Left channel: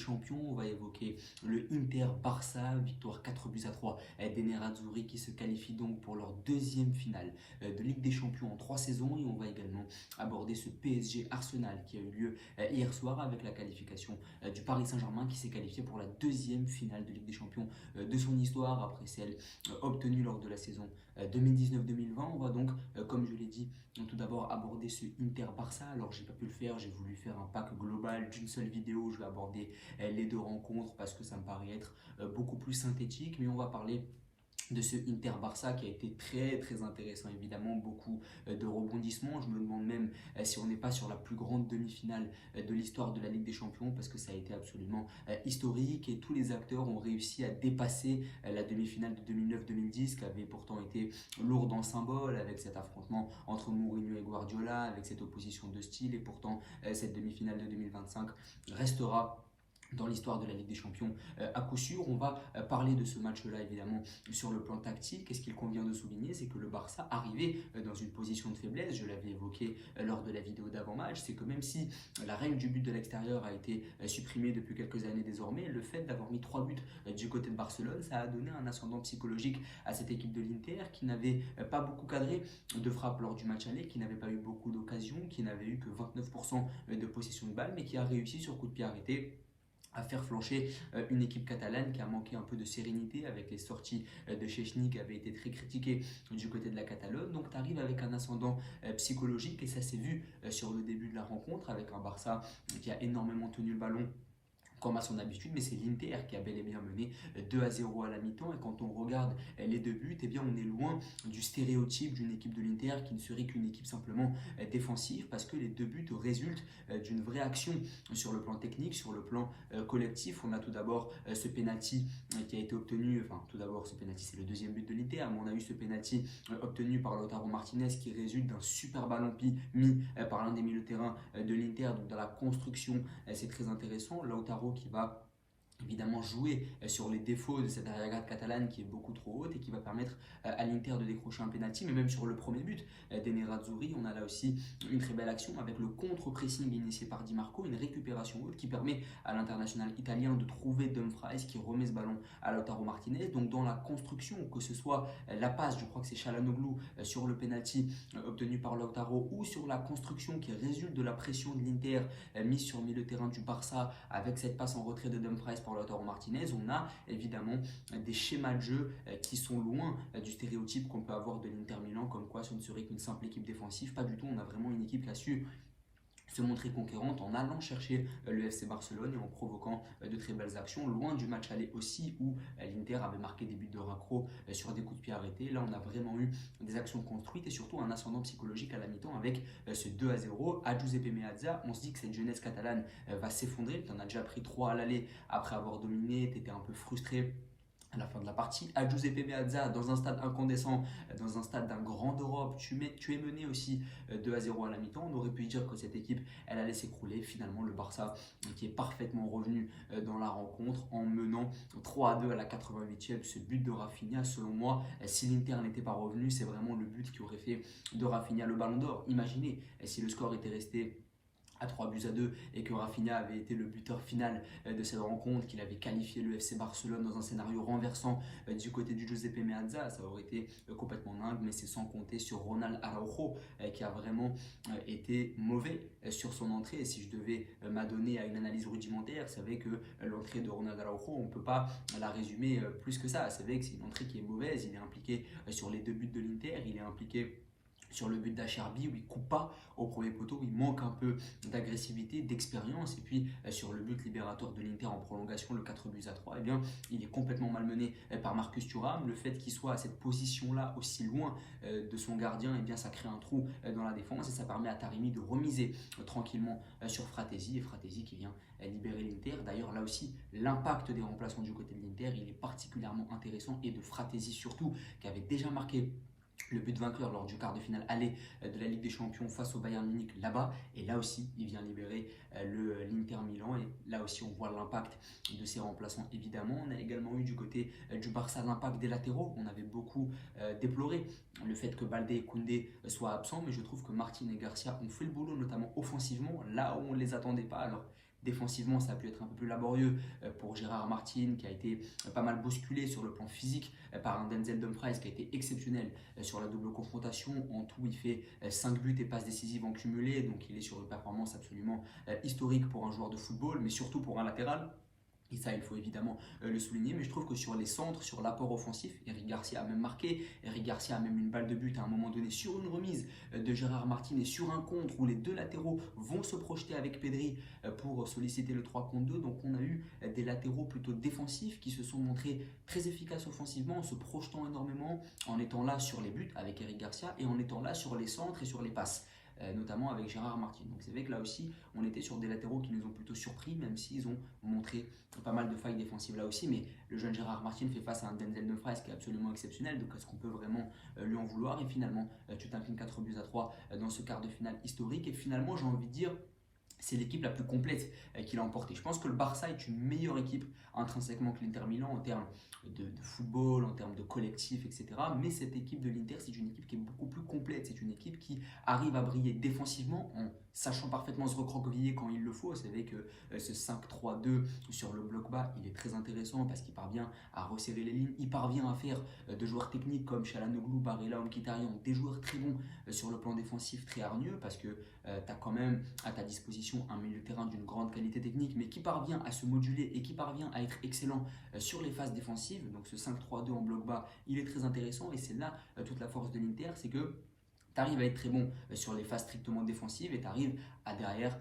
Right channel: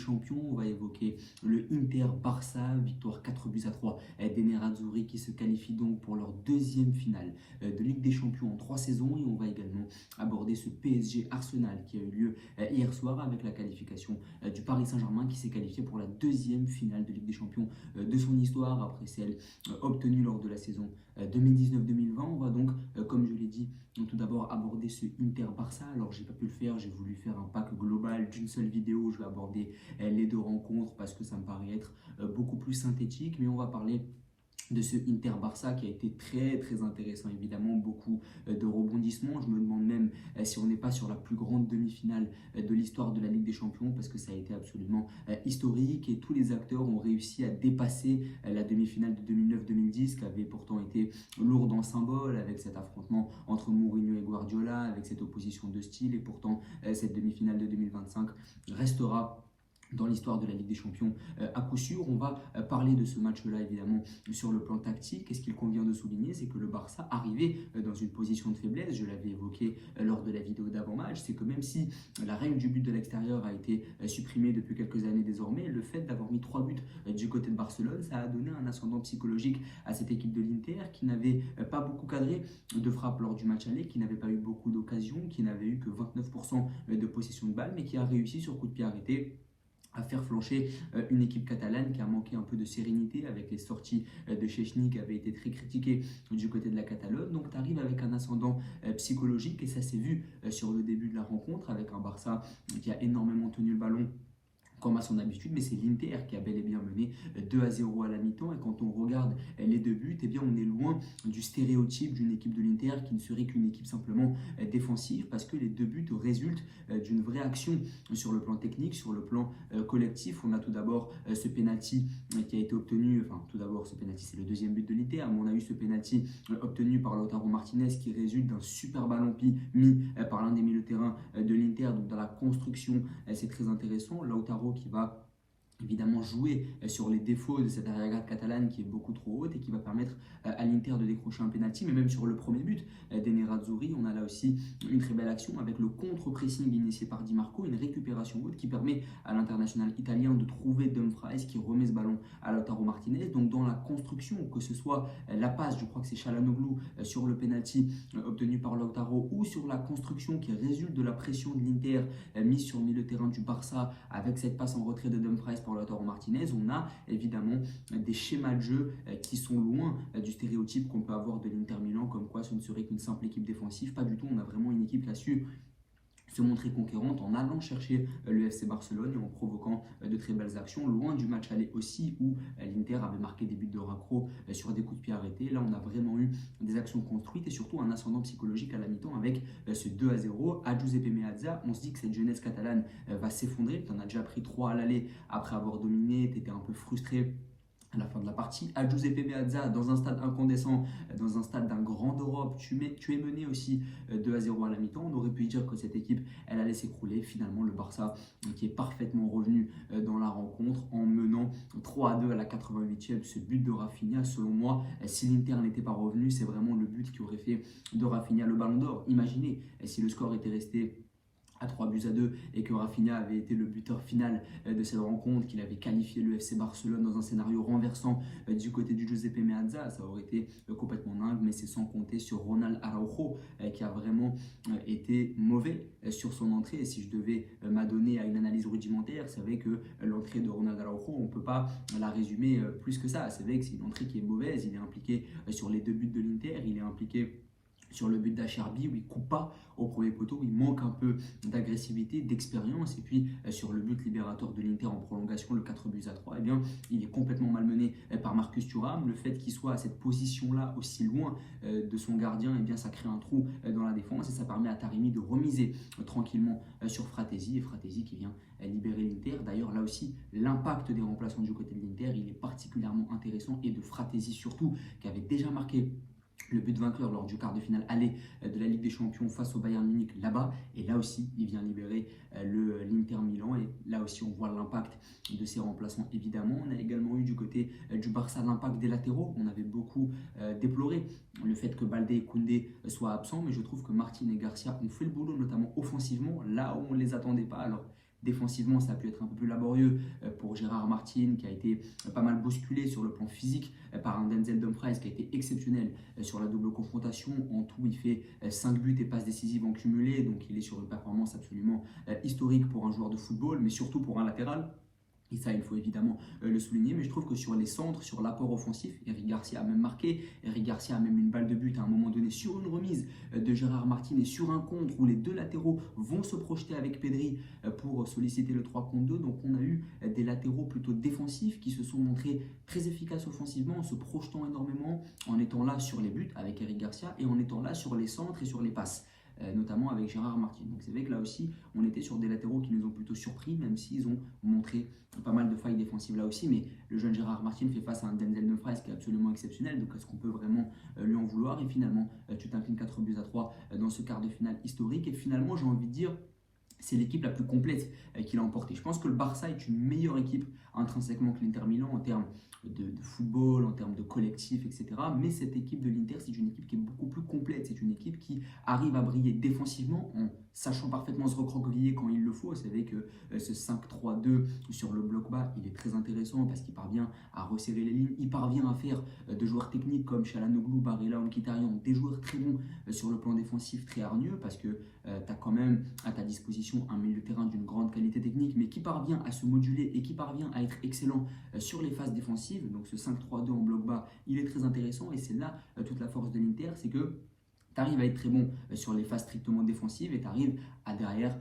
Champions. On va évoquer le Inter-Barça, victoire 4-3 des Nerazzurri qui se qualifient donc pour leur deuxième finale de Ligue des Champions en 3 saisons. Et on va également aborder ce PSG-Arsenal qui a eu lieu hier soir avec la qualification du Paris Saint-Germain qui s'est qualifié pour la deuxième finale de Ligue des Champions de son histoire après celle obtenue lors de la saison 2019-2020. On va donc, comme je l'ai dit, tout d'abord aborder ce Inter-Barça. Alors j'ai pas pu le faire, j'ai voulu faire un pack global d'une seule vidéo. Je vais aborder les deux rencontres parce que ça me paraît être beaucoup plus synthétique, mais on va parler de ce Inter-Barça qui a été très intéressant, évidemment beaucoup de rebondissements. Je me demande même si on n'est pas sur la plus grande demi-finale de l'histoire de la Ligue des Champions parce que ça a été absolument historique et tous les acteurs ont réussi à dépasser la demi-finale de 2009-2010 qui avait pourtant été lourde en symbole avec cet affrontement entre Mourinho et Guardiola, avec cette opposition de style, et pourtant cette demi-finale de 2025 restera dans l'histoire de la Ligue des Champions à coup sûr. On va parler de ce match-là évidemment sur le plan tactique. Et ce qu'il convient de souligner, c'est que le Barça arrivait dans une position de faiblesse. Je l'avais évoqué lors de la vidéo d'avant-match. C'est que même si la règle du but de l'extérieur a été supprimée depuis quelques années désormais, le fait d'avoir mis 3 buts du côté de Barcelone, ça a donné un ascendant psychologique à cette équipe de l'Inter qui n'avait pas beaucoup cadré de frappe lors du match aller, qui n'avait pas eu beaucoup d'occasions, qui n'avait eu que 29% de possession de balle, mais qui a réussi sur coup de pied arrêté à faire flancher une équipe catalane qui a manqué un peu de sérénité avec les sorties de Szczęsny qui avaient été très critiquées du côté de la Catalogne. Donc tu arrives avec un ascendant psychologique et ça s'est vu sur le début de la rencontre avec un Barça qui a énormément tenu le ballon comme à son habitude, mais c'est l'Inter qui a bel et bien mené 2-0 à la mi-temps. Et quand on regarde les deux buts, eh bien on est loin du stéréotype d'une équipe de l'Inter qui ne serait qu'une équipe simplement défensive, parce que les deux buts résultent d'une vraie action sur le plan technique, sur le plan collectif. On a tout d'abord ce penalty qui a été obtenu, enfin tout d'abord ce penalty c'est le deuxième but de l'Inter, mais on a eu ce penalty obtenu par Lautaro Martinez qui résulte d'un super ballon mis par l'un des milieux de terrain de l'Inter. Donc dans la construction c'est très intéressant. Lautaro qui va évidemment jouer sur les défauts de cette arrière-garde catalane qui est beaucoup trop haute et qui va permettre à l'Inter de décrocher un penalty. Mais même sur le premier but des Nerazzurri, on a là aussi une très belle action avec le contre-pressing initié par Di Marco, une récupération haute qui permet à l'international italien de trouver Dumfries qui remet ce ballon à Lautaro Martinez. Donc dans la construction, que ce soit la passe, je crois que c'est Çalhanoğlu sur le penalty obtenu par Lautaro, ou sur la construction qui résulte de la pression de l'Inter mise sur le milieu de terrain du Barça avec cette passe en retrait de Dumfries pour Lautaro Martinez, on a évidemment des schémas de jeu qui sont loin du stéréotype qu'on peut avoir de l'Inter Milan, comme quoi ce ne serait qu'une simple équipe défensive. Pas du tout, on a vraiment une équipe qui a su se montrer conquérante en allant chercher le FC Barcelone et en provoquant de très belles actions, loin du match aller aussi où l'Inter avait marqué des buts de raccro sur des coups de pied arrêtés. Là on a vraiment eu des actions construites et surtout un ascendant psychologique à la mi-temps avec ce 2-0 à Giuseppe Meazza. On se dit que cette jeunesse catalane va s'effondrer. Tu en as déjà pris 3 à l'aller après avoir dominé, tu étais un peu frustré à la fin de la partie. À Giuseppe Meazza, dans un stade incandescent, dans un stade d'un grand d'Europe, tu es mené aussi 2-0 à la mi-temps. On aurait pu dire que cette équipe, elle allait s'écrouler. Finalement, le Barça qui est parfaitement revenu dans la rencontre en menant 3-2 à la 88e. Ce but de Rafinha, selon moi, si l'Inter n'était pas revenu, c'est vraiment le but qui aurait fait de Rafinha le Ballon d'Or. Imaginez si le score était resté à 3-2 et que Rafinha avait été le buteur final de cette rencontre, qu'il avait qualifié le FC Barcelone dans un scénario renversant du côté du Giuseppe Meazza, ça aurait été complètement dingue. Mais c'est sans compter sur Ronald Araujo qui a vraiment été mauvais sur son entrée. Et si je devais m'adonner à une analyse rudimentaire, c'est vrai que l'entrée de Ronald Araujo, on ne peut pas la résumer plus que ça. C'est vrai que c'est une entrée qui est mauvaise. Il est impliqué sur les deux buts de l'Inter, il est impliqué sur le but d'Acherbi où il ne coupe pas au premier poteau, où il manque un peu d'agressivité, d'expérience. Et puis sur le but libérateur de l'Inter en prolongation, le 4-3, eh bien, il est complètement malmené par Marcus Thuram. Le fait qu'il soit à cette position-là aussi loin de son gardien, eh bien, ça crée un trou dans la défense et ça permet à Taremi de remiser tranquillement sur Fratesi. Et Fratesi qui vient libérer l'Inter. D'ailleurs, là aussi, l'impact des remplaçants du côté de l'Inter, il est particulièrement intéressant, et de Fratesi surtout, qui avait déjà marqué le but vainqueur lors du quart de finale aller de la Ligue des Champions face au Bayern Munich là-bas. Et là aussi, il vient libérer l'Inter Milan. Et là aussi, on voit l'impact de ses remplaçants, évidemment. On a également eu du côté du Barça l'impact des latéraux. On avait beaucoup déploré le fait que Baldé et Koundé soient absents. Mais je trouve que Martin et Garcia ont fait le boulot, notamment offensivement, là où on ne les attendait pas. Alors, Défensivement, ça a pu être un peu plus laborieux pour Gérard Martin, qui a été pas mal bousculé sur le plan physique par un Denzel Dumfries qui a été exceptionnel sur la double confrontation. En tout, il fait 5 buts et passes décisives en cumulé, donc il est sur une performance absolument historique pour un joueur de football, mais surtout pour un latéral. Et ça, il faut évidemment le souligner. Mais je trouve que sur les centres, sur l'apport offensif, Eric Garcia a même marqué. Eric Garcia a même une balle de but à un moment donné sur une remise de Gérard Martin et sur un contre où les deux latéraux vont se projeter avec Pedri pour solliciter le 3 contre 2. Donc on a eu des latéraux plutôt défensifs qui se sont montrés très efficaces offensivement en se projetant énormément, en étant là sur les buts avec Eric Garcia et en étant là sur les centres et sur les passes. Notamment avec Gérard Martin. Donc c'est vrai que là aussi, on était sur des latéraux qui nous ont plutôt surpris, même s'ils ont montré pas mal de failles défensives là aussi. Mais le jeune Gérard Martin fait face à un Denzel Dumfries qui est absolument exceptionnel. Donc est-ce qu'on peut vraiment lui en vouloir? Et finalement, tu t'inclines 4 buts à 3 dans ce quart de finale historique. Et finalement, j'ai envie de dire, c'est l'équipe la plus complète qui l'a emporté. Je pense que le Barça est une meilleure équipe intrinsèquement que l'Inter Milan en termes de football, en termes de collectif, etc. Mais cette équipe de l'Inter, c'est une équipe qui est beaucoup plus complète. C'est une équipe qui arrive à briller défensivement en sachant parfaitement se recroqueviller quand il le faut. Vous savez que ce 5-3-2 sur le bloc bas, il est très intéressant parce qu'il parvient à resserrer les lignes. Il parvient à faire de joueurs techniques comme Çalhanoğlu, Barella ou Mkhitaryan, des joueurs très bons sur le plan défensif, très hargneux parce que tu as quand même à ta disposition un milieu de terrain d'une grande qualité technique, mais qui parvient à se moduler et qui parvient à être excellent sur les phases défensives. Donc ce 5-3-2 en bloc bas, il est très intéressant et c'est là toute la force de l'Inter, c'est que tu arrives à être très bon sur les phases strictement défensives et tu arrives à derrière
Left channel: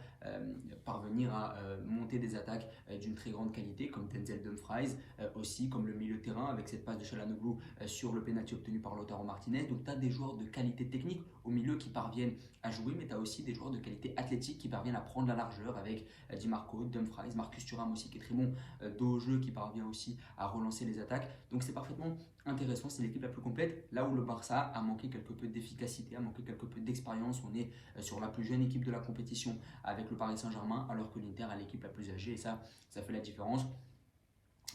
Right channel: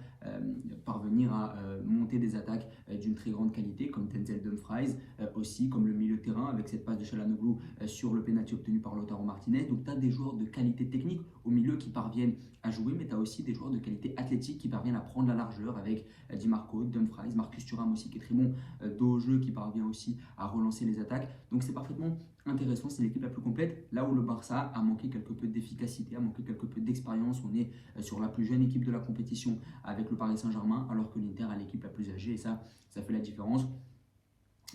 parvenir à monter des attaques d'une très grande qualité comme Denzel Dumfries, aussi comme le milieu de terrain avec cette passe de Çalhanoğlu sur le pénalty obtenu par Lautaro Martinez. Donc tu as des joueurs de qualité technique au milieu qui parviennent à jouer, mais tu as aussi des joueurs de qualité athlétique qui parviennent à prendre la largeur avec Di Marco, Dumfries, Marcus Thuram aussi qui est très bon dos au jeu, qui parvient aussi à relancer les attaques. Donc c'est parfaitement intéressant, c'est l'équipe la plus complète. Là où le Barça a manqué quelque peu d'efficacité, a manqué quelque peu d'expérience, on est sur la plus jeune équipe de la compétition avec le Paris Saint-Germain, alors que l'Inter a l'équipe la plus âgée et ça fait la différence.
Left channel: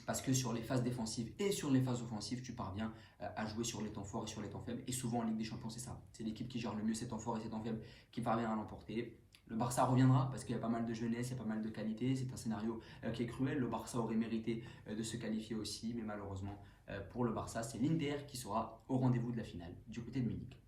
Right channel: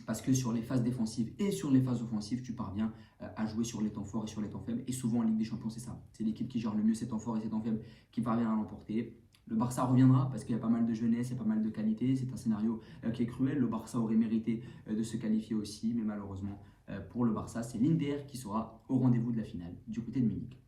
Parce que sur les phases défensives et sur les phases offensives, tu parviens à jouer sur les temps forts et sur les temps faibles. Et souvent en Ligue des Champions, c'est ça. C'est l'équipe qui gère le mieux ses temps forts et ses temps faibles qui parvient à l'emporter. Le Barça reviendra parce qu'il y a pas mal de jeunesse, il y a pas mal de qualité. C'est un scénario qui est cruel. Le Barça aurait mérité de se qualifier aussi, mais malheureusement pour le Barça, c'est l'Inter qui sera au rendez-vous de la finale du côté de Munich.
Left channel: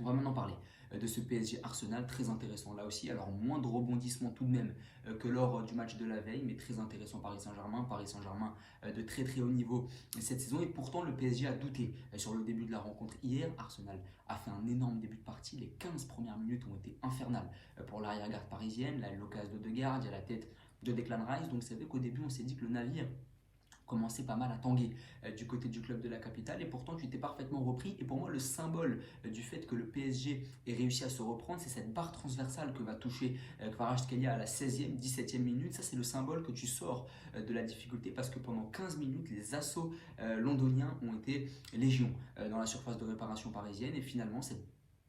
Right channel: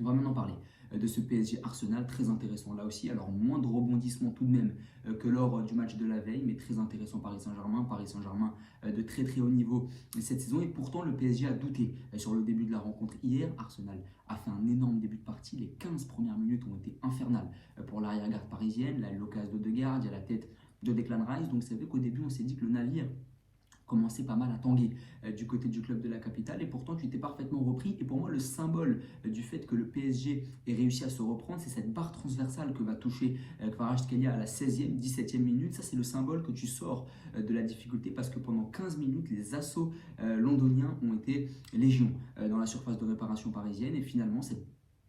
On va maintenant parler de ce PSG Arsenal, très intéressant là aussi. Alors moins de rebondissements tout de même que lors du match de la veille, mais très intéressant Paris Saint-Germain de très très haut niveau cette saison. Et pourtant le PSG a douté sur le début de la rencontre hier. Arsenal a fait un énorme début de partie. Les 15 premières minutes ont été infernales pour l'arrière-garde parisienne. Là, l'occasion de Degarde, il y a la tête de Declan Rice. Donc c'est vrai qu'au début on s'est dit que le navire commençait pas mal à tanguer du côté du club de la capitale et pourtant tu étais parfaitement repris. Et pour moi le symbole du fait que le PSG ait réussi à se reprendre, c'est cette barre transversale que va toucher Kvaratskhelia à la 16e, 17e minute. Ça c'est le symbole que tu sors de la difficulté parce que pendant 15 minutes les assauts londoniens ont été légion dans la surface de réparation parisienne et finalement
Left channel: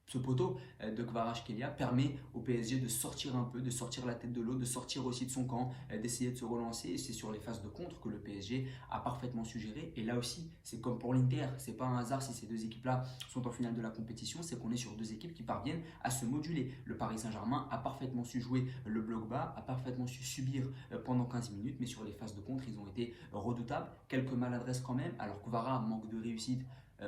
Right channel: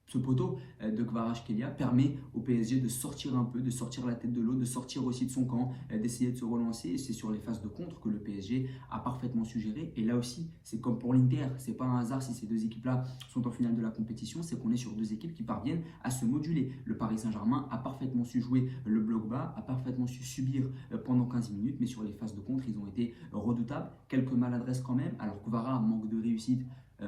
ce poteau de Kvaratskhelia permet au PSG de sortir un peu, de sortir la tête de l'eau, de sortir aussi de son camp, d'essayer de se relancer. Et c'est sur les phases de contre que le PSG a parfaitement su gérer. Et là aussi, c'est comme pour l'Inter, c'est pas un hasard si ces deux équipes-là sont en finale de la compétition, c'est qu'on est sur deux équipes qui parviennent à se moduler. Le Paris Saint-Germain a parfaitement su jouer le bloc bas, a parfaitement su subir pendant 15 minutes, mais sur les phases de contre, ils ont été redoutables. Quelques maladresses quand même, alors que Kvara manque de réussite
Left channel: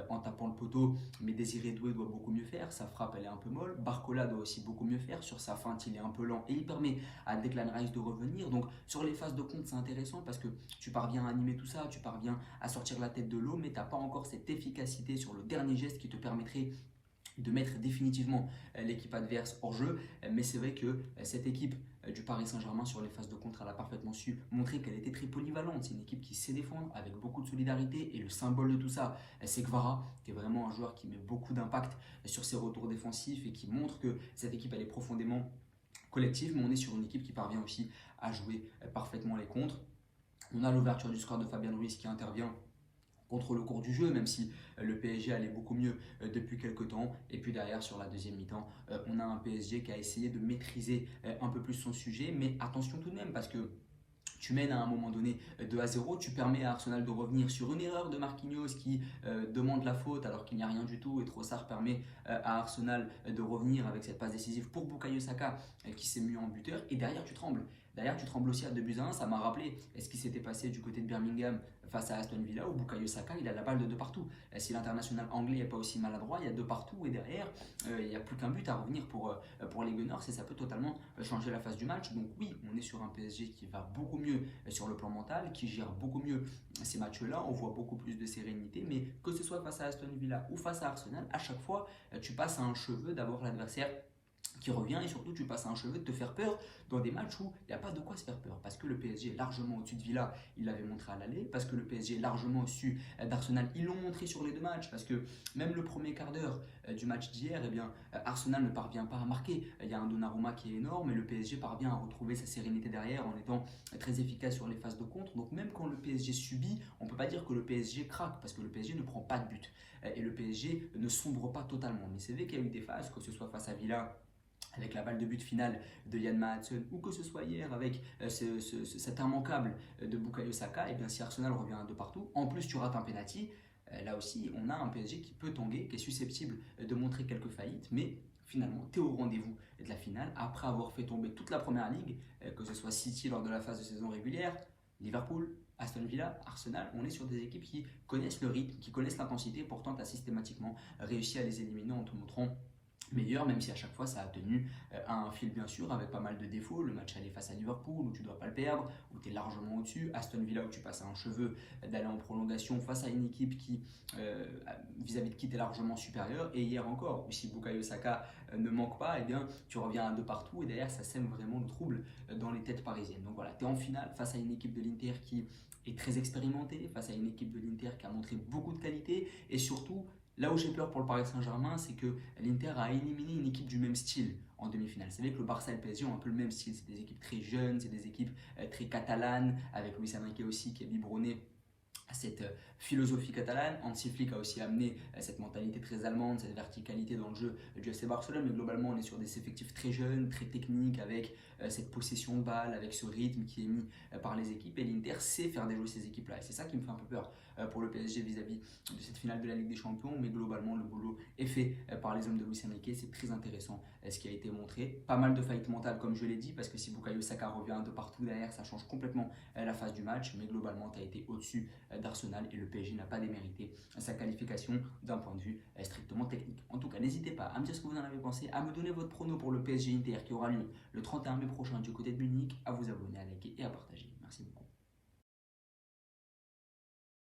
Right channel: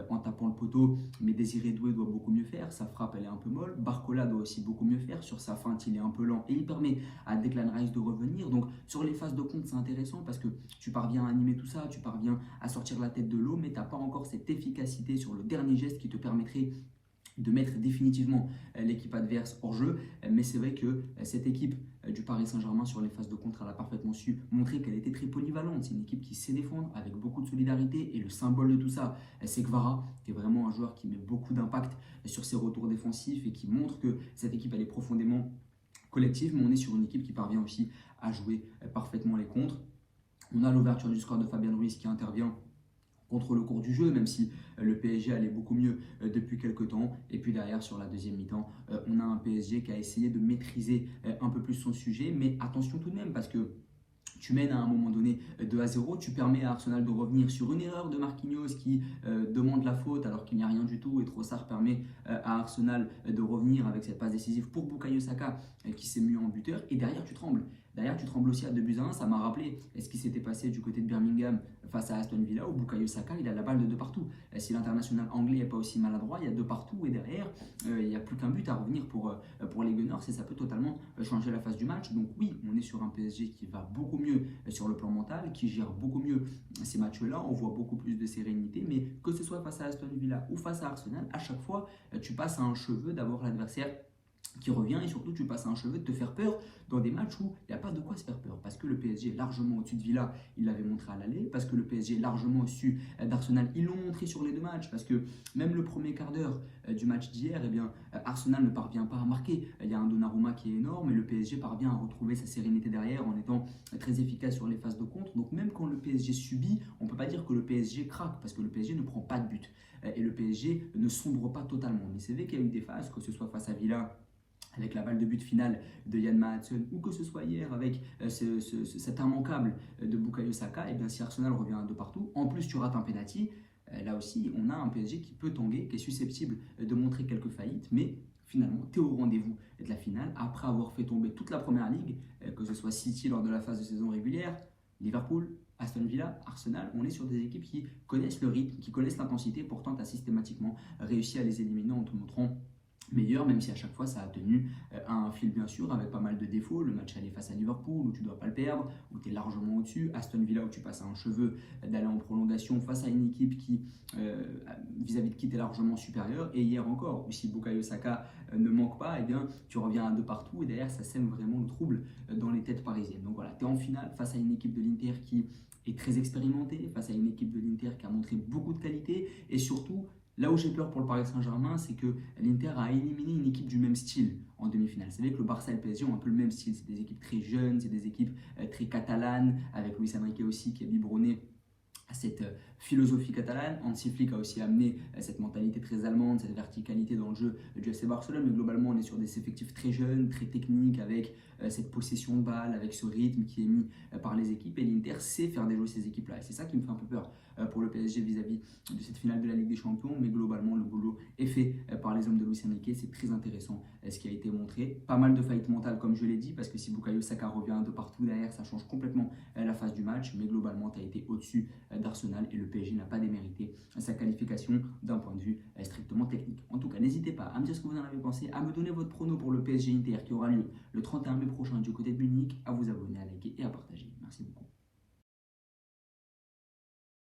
en tapant le poteau, mais Désiré Doué doit beaucoup mieux faire, sa frappe elle est un peu molle, Barcola doit aussi beaucoup mieux faire, sur sa feinte il est un peu lent et il permet à Declan Rice de revenir. Donc sur les phases de compte c'est intéressant parce que tu parviens à animer tout ça, tu parviens à sortir la tête de l'eau, mais tu n'as pas encore cette efficacité sur le dernier geste qui te permettrait de mettre définitivement l'équipe adverse hors jeu. Mais c'est vrai que cette équipe du Paris Saint-Germain sur les phases de contre, elle a parfaitement su montrer qu'elle était très polyvalente. C'est une équipe qui sait défendre avec beaucoup de solidarité et le symbole de tout ça, c'est Kvara, qui est vraiment un joueur qui met beaucoup d'impact sur ses retours défensifs et qui montre que cette équipe elle est profondément collective, mais on est sur une équipe qui parvient aussi à jouer parfaitement les contres. On a l'ouverture du score de Fabien Ruiz qui intervient contre le cours du jeu, même si le PSG allait beaucoup mieux depuis quelques temps. Et puis derrière, sur la deuxième mi-temps, on a un PSG qui a essayé de maîtriser un peu plus son sujet. Mais attention tout de même, parce que Tu mènes à un moment donné 2-0, tu permets à Arsenal de revenir sur une erreur de Marquinhos qui demande la faute alors qu'il n'y a rien du tout, et Trossard permet à Arsenal de revenir avec cette passe décisive pour Bukayo Saka qui s'est mis en buteur, et derrière tu trembles. Derrière, tu trembles aussi à 2-1. Ça m'a rappelé ce qui s'était passé du côté de Birmingham face à Aston Villa, où Bukayo Saka, il a la balle de partout. Si l'international anglais n'est pas aussi maladroit, il y a de partout, et derrière, il n'y a plus qu'un but à revenir pour les Gunners, et ça peut totalement changer la face du match. Donc oui, on est sur un PSG qui va beaucoup mieux sur le plan mental, qui gère beaucoup mieux ces matchs-là, on voit beaucoup plus de sérénité, mais que ce soit face à Aston Villa ou face à Arsenal, à chaque fois, tu passes à un cheveu d'avoir l'adversaire qui revient, et surtout tu passes à un cheveu de te faire peur dans des matchs où il n'y a pas de quoi se faire peur, parce que le PSG est largement au-dessus de Villa, il l'avait montré à l'aller, parce que le PSG est largement au-dessus d'Arsenal, ils l'ont montré sur les deux matchs, parce que même le premier quart d'heure du match d'hier, eh bien, Arsenal ne parvient pas à marquer, il y a un Donnarumma qui est énorme, et le PSG parvient à retrouver sa sérénité derrière en étant très efficace sur les phases de contre. Donc même quand le PSG subit, on ne peut pas dire que le PSG craque, parce que le PSG ne prend pas de but, et le PSG ne sombre pas totalement, mais c'est vrai qu'il y a eu des phases, que ce soit face à Villa avec la balle de but finale de Yann Maatsen, ou que ce soit hier avec cet immanquable de Bukayo Saka, et bien si Arsenal revient de partout, en plus tu rates un penalty, là aussi on a un PSG qui peut tanguer, qui est susceptible de montrer quelques faillites, mais finalement tu es au rendez-vous de la finale, après avoir fait tomber toute la première ligue, que ce soit City lors de la phase de saison régulière, Liverpool, Aston Villa, Arsenal, on est sur des équipes qui connaissent le rythme, qui connaissent l'intensité, pourtant tu as systématiquement réussi à les éliminer en te montrant meilleur, même si à chaque fois ça a tenu à un fil bien sûr, avec pas mal de défauts. Le match aller face à Liverpool où tu ne dois pas le perdre, où tu es largement au-dessus, Aston Villa où tu passes à un cheveu d'aller en prolongation face à une équipe qui vis-à-vis de qui tu es largement supérieur, et hier encore, si Bukayo Saka ne manque pas, et bien tu reviens de partout, et derrière ça sème vraiment le trouble dans les têtes parisiennes. Donc voilà, tu es en finale face à une équipe de l'Inter qui est très expérimentée, face à une équipe de l'Inter qui a montré beaucoup de qualité, et surtout là où j'ai peur pour le Paris Saint-Germain, c'est que l'Inter a éliminé une équipe du même style en demi-finale. C'est vrai que le Barça et le PSG ont un peu le même style. C'est des équipes très jeunes, c'est des équipes très catalanes, avec Luis Enrique aussi qui est biberonné à cette philosophie catalane. Hansi Flick a aussi amené cette mentalité très allemande, cette verticalité dans le jeu du FC Barcelone, mais globalement on est sur des effectifs très jeunes, très techniques, avec cette possession de balle, avec ce rythme qui est mis par les équipes, et l'Inter sait faire déjouer ces équipes-là, et c'est ça qui me fait un peu peur pour le PSG vis-à-vis de cette finale de la Ligue des Champions, mais globalement le boulot est fait par les hommes de Luis Enrique, c'est très intéressant ce qui a été montré. Pas mal de faillites mentales comme je l'ai dit, parce que si Bukayo Saka revient de partout derrière, ça change complètement la phase du match, mais globalement tu as été au-dessus d'Arsenal, et le PSG n'a pas démérité sa qualification d'un point de vue strictement technique. En tout cas, n'hésitez pas à me dire ce que vous en avez pensé, à me donner votre prono pour le PSG Inter qui aura lieu le 31 mai prochain du côté de Munich, à vous abonner, à liker et à partager. Merci beaucoup.